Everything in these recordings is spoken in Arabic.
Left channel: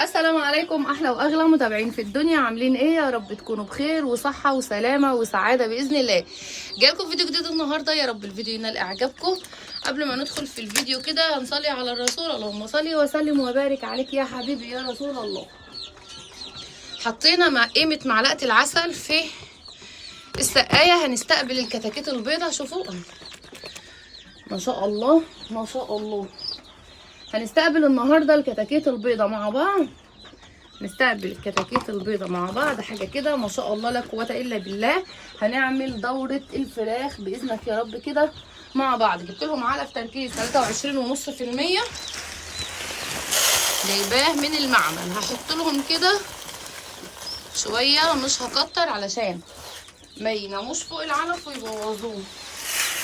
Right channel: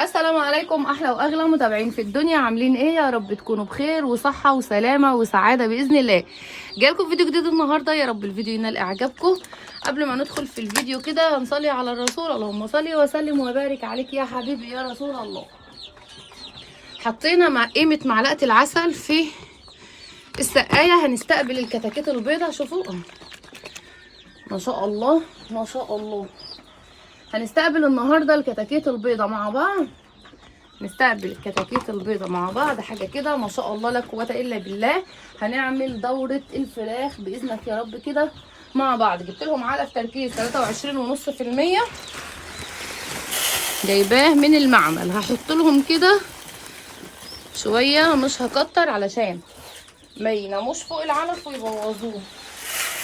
السلام عليكم احلى واغلى متابعين في الدنيا، عاملين ايه؟ يا رب تكونوا بخير وصحه وسلامه وسعاده باذن الله. جايلكم فيديو جديد النهارده، يا رب الفيديو ينال اعجابكم. قبل ما ندخل في الفيديو كده هنصلي على الرسول، اللهم صل وسلم وبارك عليك يا حبيبي يا رسول الله. حطينا قيمه معلقه العسل في السقايه، هنستقبل الكتاكيت البيضاء. شوفوا ما شاء الله ما شاء الله. هنستقبل النهارده الكتاكيت البيضاء مع بعض، نستقبل الكتاكيت البيضاء مع بعض. حاجه كده ما شاء الله لا قوه الا بالله. هنعمل دوره الفراخ باذنك يا رب كده مع بعض. جبت لهم علف تركيز 23.5%، جايباه من المعمل. هحط لهم كده شويه، مش هكتر علشان ما يناموش فوق العلف ويبوظوه.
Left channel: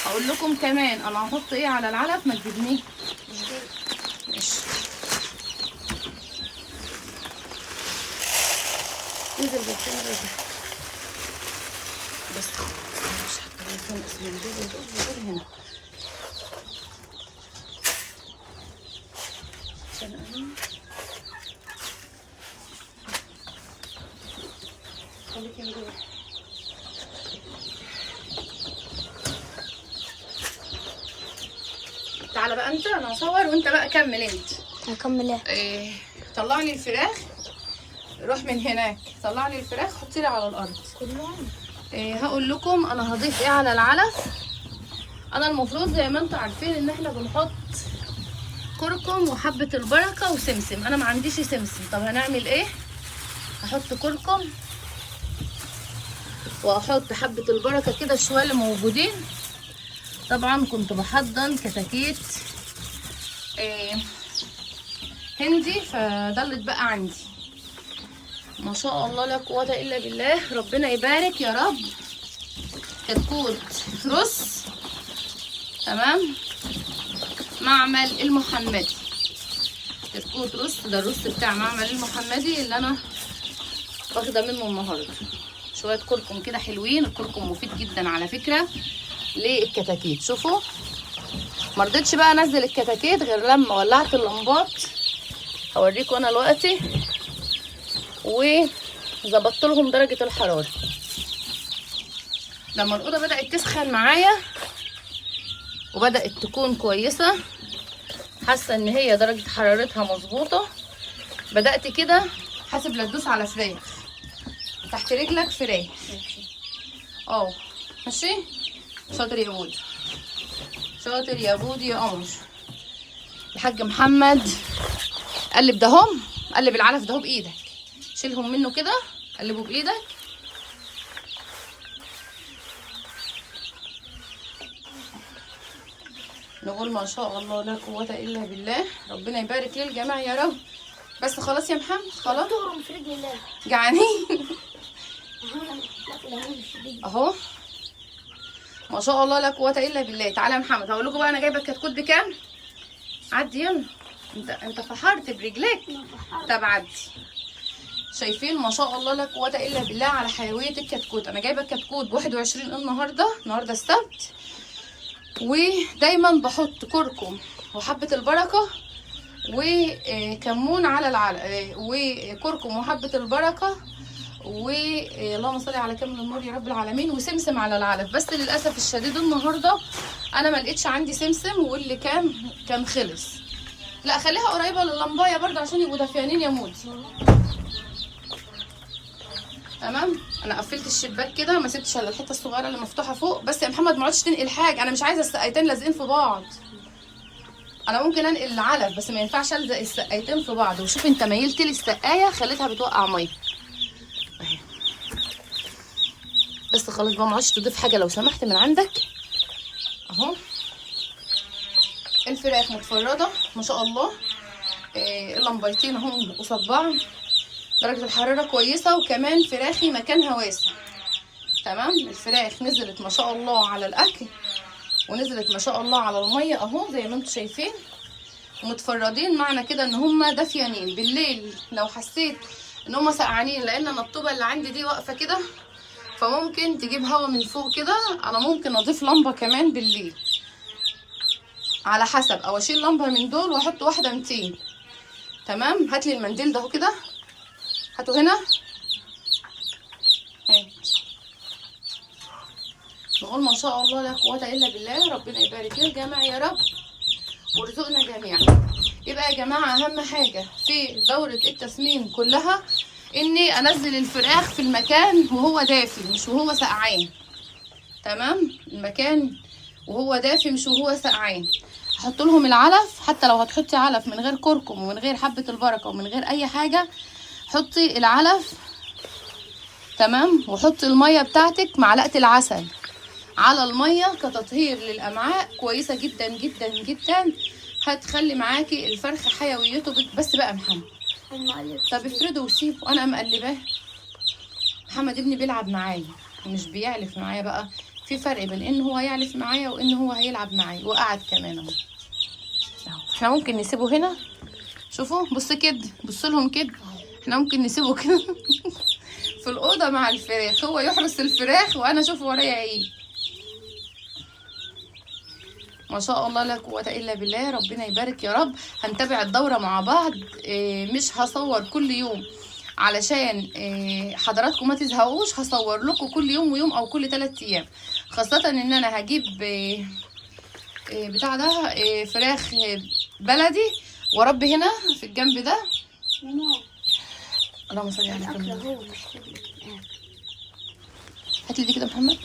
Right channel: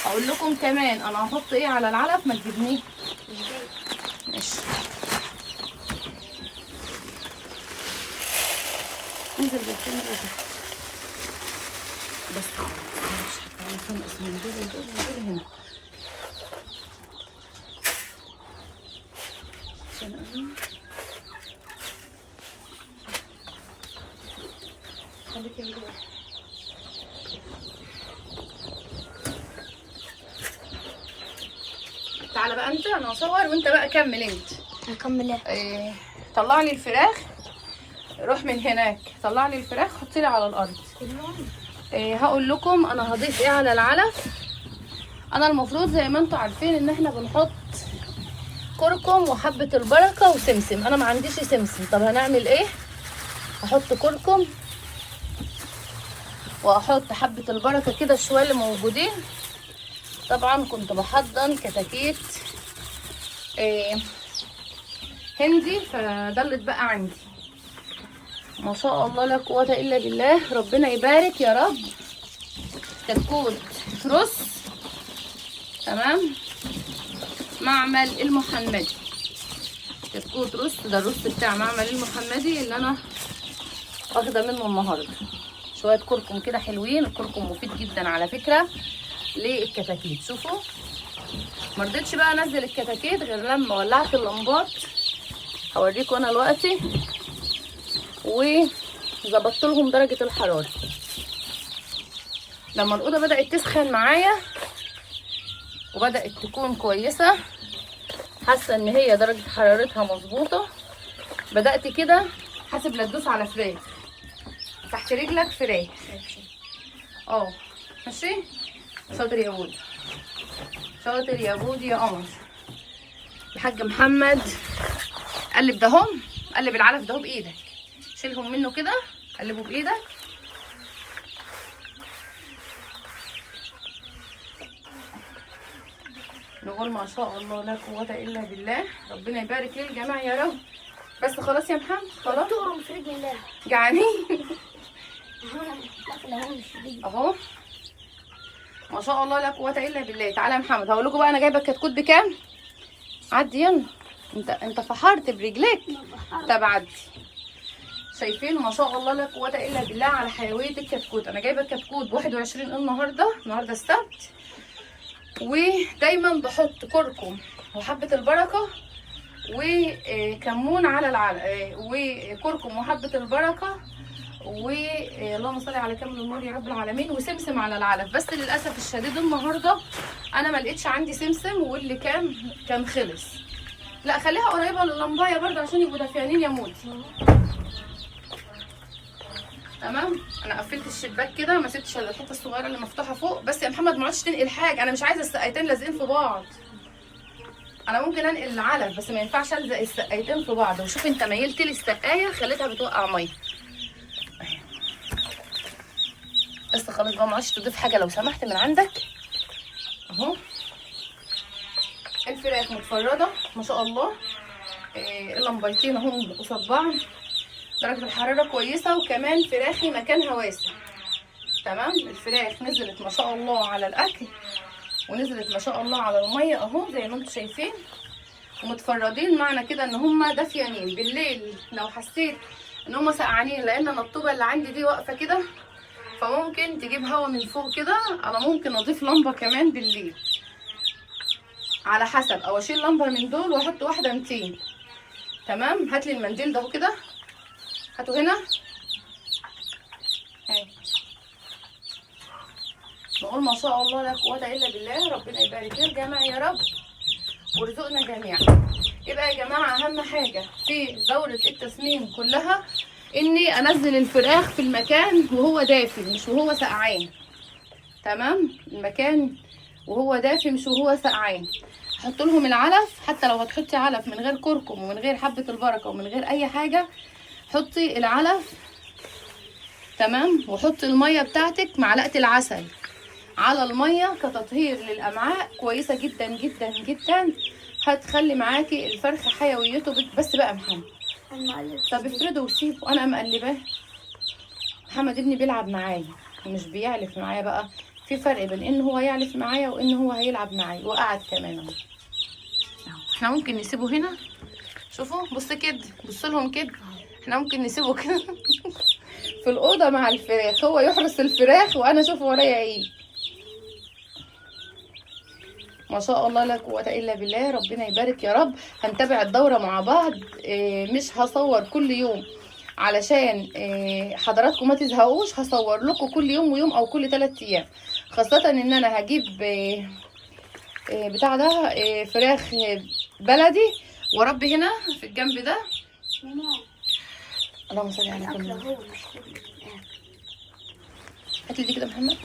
هقول لكم كمان انا هحط ايه على العلف، ما تجيبنيه. ماشي، انزل بس بس مش هتعرفين اسمه هنا عشان خليكي هنا. تعالى بقى انت، انا هصور وانت بقى كمل. انت هكمل ايه؟ طلع لي الفراخ، روح من هناك طلع لي الفراخ حطي لي على الارض. هقول لكم انا هضيف ايه على العلف. انا المفروض زي ما انتم عارفين ان احنا بنحط كركم وحبه البركه وسمسم. انا ما عنديش سمسم، طب هنعمل ايه؟ هحط كركم واحط حبه البركه كده شويه اللي موجودين. طبعا كنت بحضن كتاكيت هندي، فده اللي اتبقى عندي. ما شاء الله لا قوه الا بالله، ربنا يبارك يا رب. كتكوت رز، تمام، معمل المحمدي. كتكوت رز، ده الرز بتاع معمل المحمدي اللي انا واخده منه النهارده. شويه كركم كده حلوين، الكركم مفيد جدا على فكره للكتاكيت. شوفوا مرضتش بقى انزل الكتاكيت غير لما ولعت اللمبات، هوريكم انا دلوقتي، وظبطت لهم درجه الحراره. لما الاوضه بدات تسخن معايا وبدات تكون كويسه، حاسه ان هي درجه حرارتها مظبوطه، بدات كده حاسب لا تدوس على فراخ تحت رجلك فراخ. ماشي، شاطر يا بود، شاطر يا بود يا قمر. الحاج محمد قلب دهم، قلب العلف ده بايدك، شيلهم منه كده، قلبه بايدك. نقول ما شاء الله لا قوه الا بالله، ربنا يبارك للجميع يا رب. بس خلاص يا محمد، خلاص تقرم في رجل الله. جعانين اهو. ما شاء الله لا قوه الا بالله. تعالى يا محمد هقول لكم بقى انا جايبه الكتكوت بكام. عدي يلا، انت فحرت برجليك. طب عدي. شايفين ما شاء الله لا قوه الا بالله على حيويه الكتكوت. انا جايبه الكتكوت ب21 النهارده السبت. ودايما بحط كركم وحبه البركه وكمون على العلق، وكركم وحبه البركه اللهم صل على كامل النور يا رب العالمين، وسمسم على العلف. بس للاسف الشديد النهارده انا ما لقيتش عندي سمسم، واللي كان خلص. لا خليها قريبه لللمبايه برضه عشان يبقوا دافيانين يا مودي. تمام، انا قفلت الشباك كده، ما سبتش الا الحته الصغيره اللي مفتوحه فوق. بس يا محمد ما عادش تنقل حاجه، انا مش عايزه السقايتين لازقين في بعض. انا ممكن انقل العلف بس ما ينفعش الزق السقايتين في بعض. وشوف انت ميلت لي السقايه خليتها بتوقع ميه اهي. بس خلاص بقى، ما عادش تضيف حاجه لو سمحت من عندك. اهو الفراخ متفرده ما شاء الله، اللمبيتين اهم قصاد بعض، درجه الحراره كويسه، وكمان فراخي مكانها واسع. تمام، الفراخ نزلت ما شاء الله على الاكل، ونزلت ما شاء الله على الميه اهو زي ما انتم شايفين، ومتفردين. معنى كده ان هم دافيانين. بالليل لو حسيت ان هم سقعانين، لان انا الطوبه اللي عندي دي واقفه كده، فممكن تجيب هوا من فوق كده. انا ممكن اضيف لمبه كمان بالليل على حسب، او اشيل لمبه من دول واحط واحده 200. تمام. هات لي المنديل ده اهو كده، هاته هنا اهي. نقول ما شاء الله لا قوه الا بالله. ربنا يبارك في الجميع يا رب وارزقنا جميعا. يبقى يا جماعه اهم حاجه في دوره التسمين كلها اني انزل الفراخ في المكان وهو دافي مش وهو سقعان. تمام، المكان وهو دافي مش وهو سقعان. هحط لهم العلف، حتى لو هتحطي علف من غير كركم ومن غير حبه البركه ومن غير اي حاجه، حطي العلف. تمام، وحطي الميه بتاعتك، معلقه العسل على الميه كتطهير للامعاء كويسه جدا جدا جدا. هتخلي معاكي الفرخ حيويته بس بقى محمد. طب افرده وسيبه، انا مقلباه. محمد ابني بيلعب معايا مش بيعلف معايا. بقى في فرق بين ان هو يعلف معايا وان هو هيلعب معايا. وقعد كمان اهو. احنا ممكن نسيبه هنا، شوفوا بص كده، بص لهم كده. احنا ممكن نسيبه كده في الاوضه مع الفراخ، هو يحرس الفراخ وانا اشوف ورايا ايه. ما شاء الله لا قوه الا بالله. ربنا يبارك يا رب. هنتابع الدوره مع بعض. مش هصور كل يوم علشان حضراتكم ما تزهقوش. هصور لكم كل يوم ويوم او كل 3 ايام، خاصه ان انا هجيب بتاع ده فراخ بلدي واربي هنا في الجنب ده. اللهم صل على محمد. هات لي دي كده محمد.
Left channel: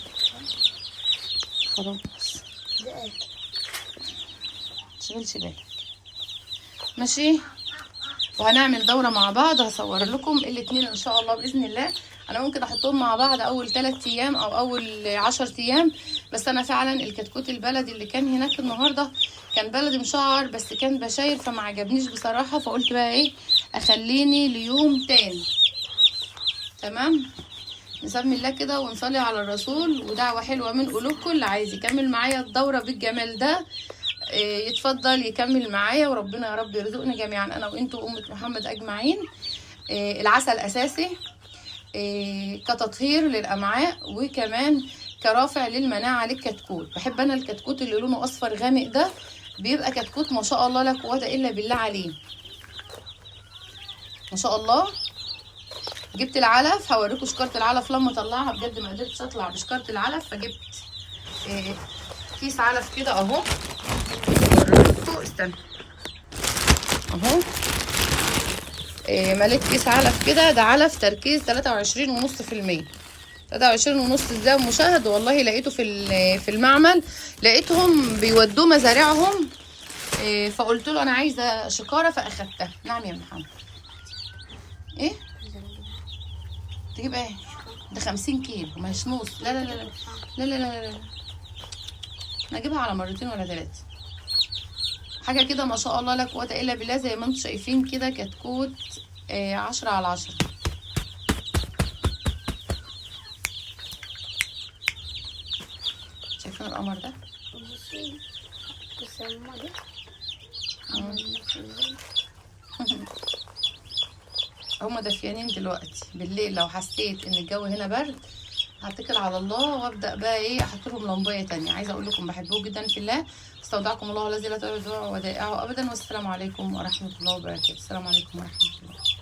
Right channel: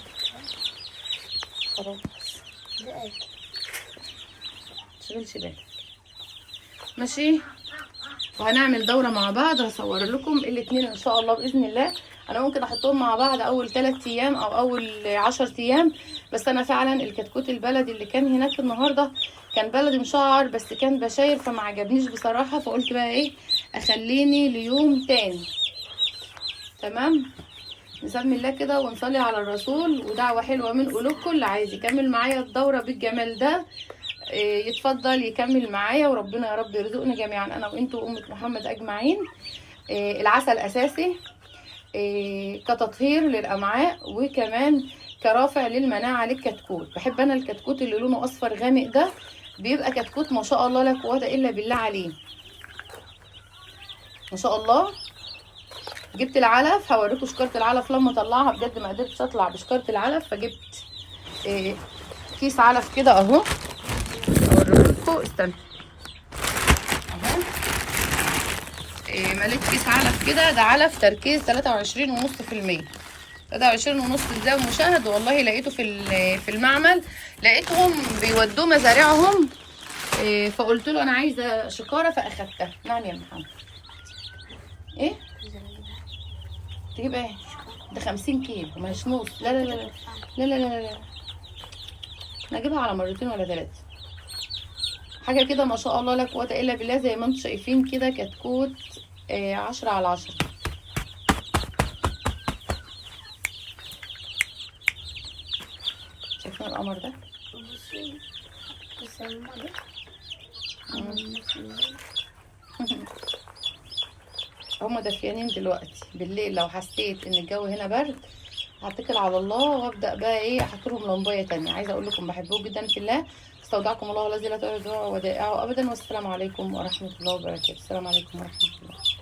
تشغلش بالك ماشي. وهنعمل دوره مع بعض، هصور لكم الاثنين ان شاء الله باذن الله. انا ممكن احطهم مع بعض اول 3 ايام او اول 10 ايام. بس انا فعلا الكتكوت البلدي اللي كان هناك النهارده كان بلدي مشعر بس كان بشاير فما عجبنيش بصراحه. فقلت بقى ايه، اخليني ليوم تاني. تمام، نسمي الله كده ونصلي على الرسول. ودعوه حلوه من قلوبكم. اللي عايز يكمل معايا الدوره بالجمال ده يتفضل يكمل معايا. وربنا يا رب يرزقنا جميعا انا وانتوا وامه محمد اجمعين. العسل اساسي كتطهير للامعاء وكمان كرافع للمناعه للكتكوت. بحب انا الكتكوت اللي لونه اصفر غامق ده، بيبقى كتكوت ما شاء الله لا قوه الا بالله عليه. ما شاء الله. جبت العلف، هوريكم شكاره العلف لما اطلعها. بجد ما قدرتش اطلع بشكاره العلف، فجبت كيس علف كده اهو. اوريكم، استنى اهو. مليت كيس علف كده. ده علف تركيز 23.5%. 23.5 ازاي مشاهد؟ والله لقيته في المعمل، لقيتهم بيودوه مزارعهم. فقلت له انا عايزه شكاره فاخدتها. نعم يا محمد. ايه تجيب ايه؟ ده 50 كيلو مش نص. لا لا لا لا لا لا لا، انا اجيبها على مرتين ولا 3 حاجه كده. ما شاء الله لا قوه الا بالله. زي ما انتم شايفين كده كتكوت 10/10. شايفين القمر ده؟ هما دافيانين دلوقتي. بالليل لو حسيت ان الجو هنا برد هتكل على الله وابدا بقى ايه، احط لهم لمبيه تانية. عايزه اقول لكم بحبكم جدا في الله. استودعكم الله الذي لا تضيع ودائعه ابدا. والسلام عليكم ورحمه الله وبركاته. السلام عليكم ورحمه الله.